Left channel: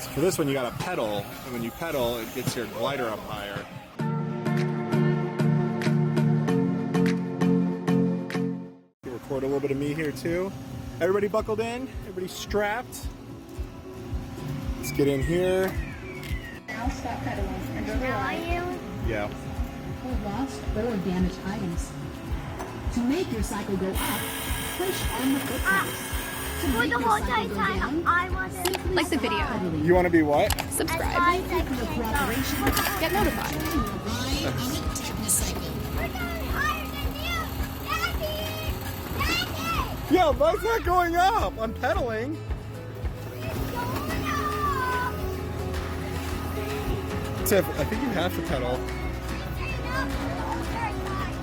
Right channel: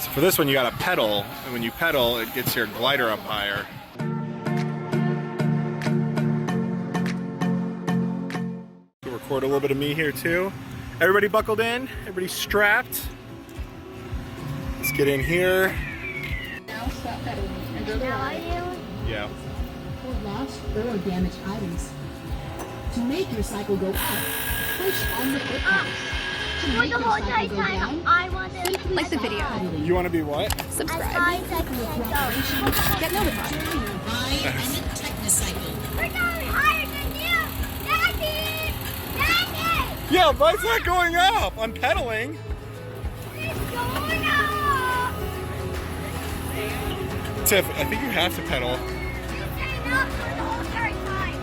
So for this one, you gotta pedal, and when you pedal, it gets your glider up higher. We'll record a little bit of me here too. Everybody buckled in? Everybody strapped? Let's get in here. Now stop pedaling. Now I am. Yeah. Hold lost or damaged items. To make your cycle go up, push on the foot pedals. To For make the your whole cycle go time, down, I want to. simply Like the stop video. pedaling. You wanna be what? Subscribe. Technicycle. Get notified. Ride on a Technicycle. We're going higher than you, Daddy. Daddy, Yeah, mine's not going up. I'm pedaling. it's going up. Tiff, I think you have to pedal. It's staying up for the whole entire time.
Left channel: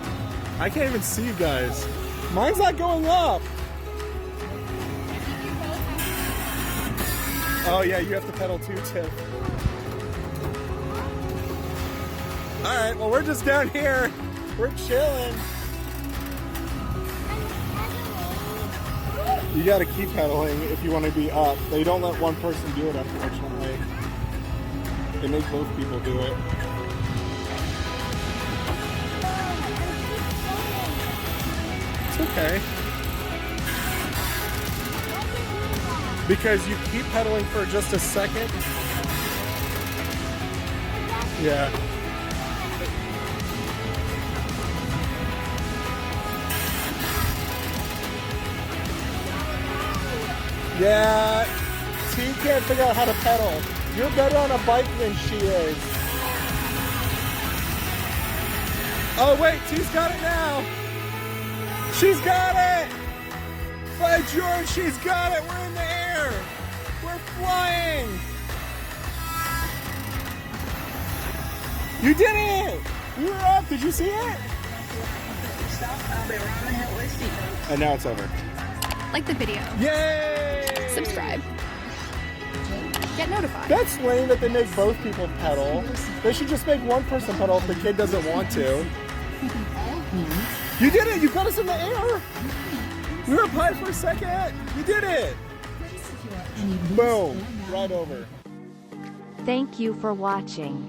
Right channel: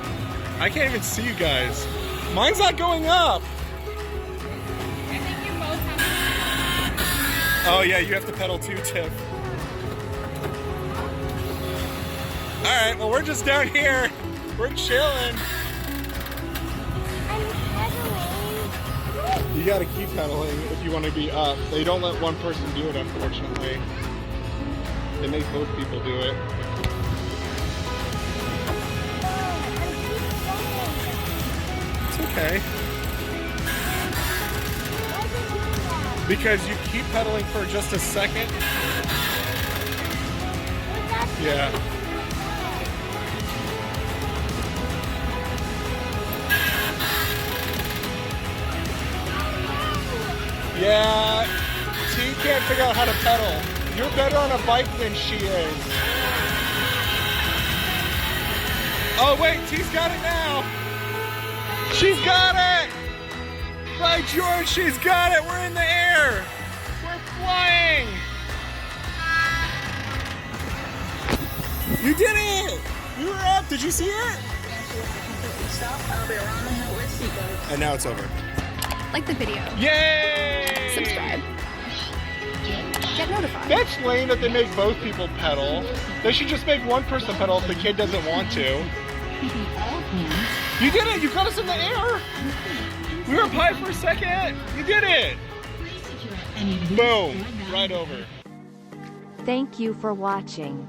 I can't even see you guys. Mine's not going up. Oh yeah, you have to pedal too, Tiff. All right, well we're just down here. We're chilling. I'm pedaling. You gotta keep pedaling if you want to be up. They don't let one person do it, unfortunately. They make both people do it. It's okay. Because you keep pedaling for just a second. Yeah. Yeah. T can't figure out how to pedal. You're better on a bike than she is. Oh wait, T's got it now. She's got it! By George, she's got it! We're in the air! We're flying! You did it! You were up! Did you see it? And now it's over. Like the video. Yay! Subscribe. Get notified. That's lame that they make both people pedal. They should just make one person pedal if the kid doesn't want to. You did it! You got us in the air! We were up high for a second! You did it! Boom! Right over. Thank you for watching.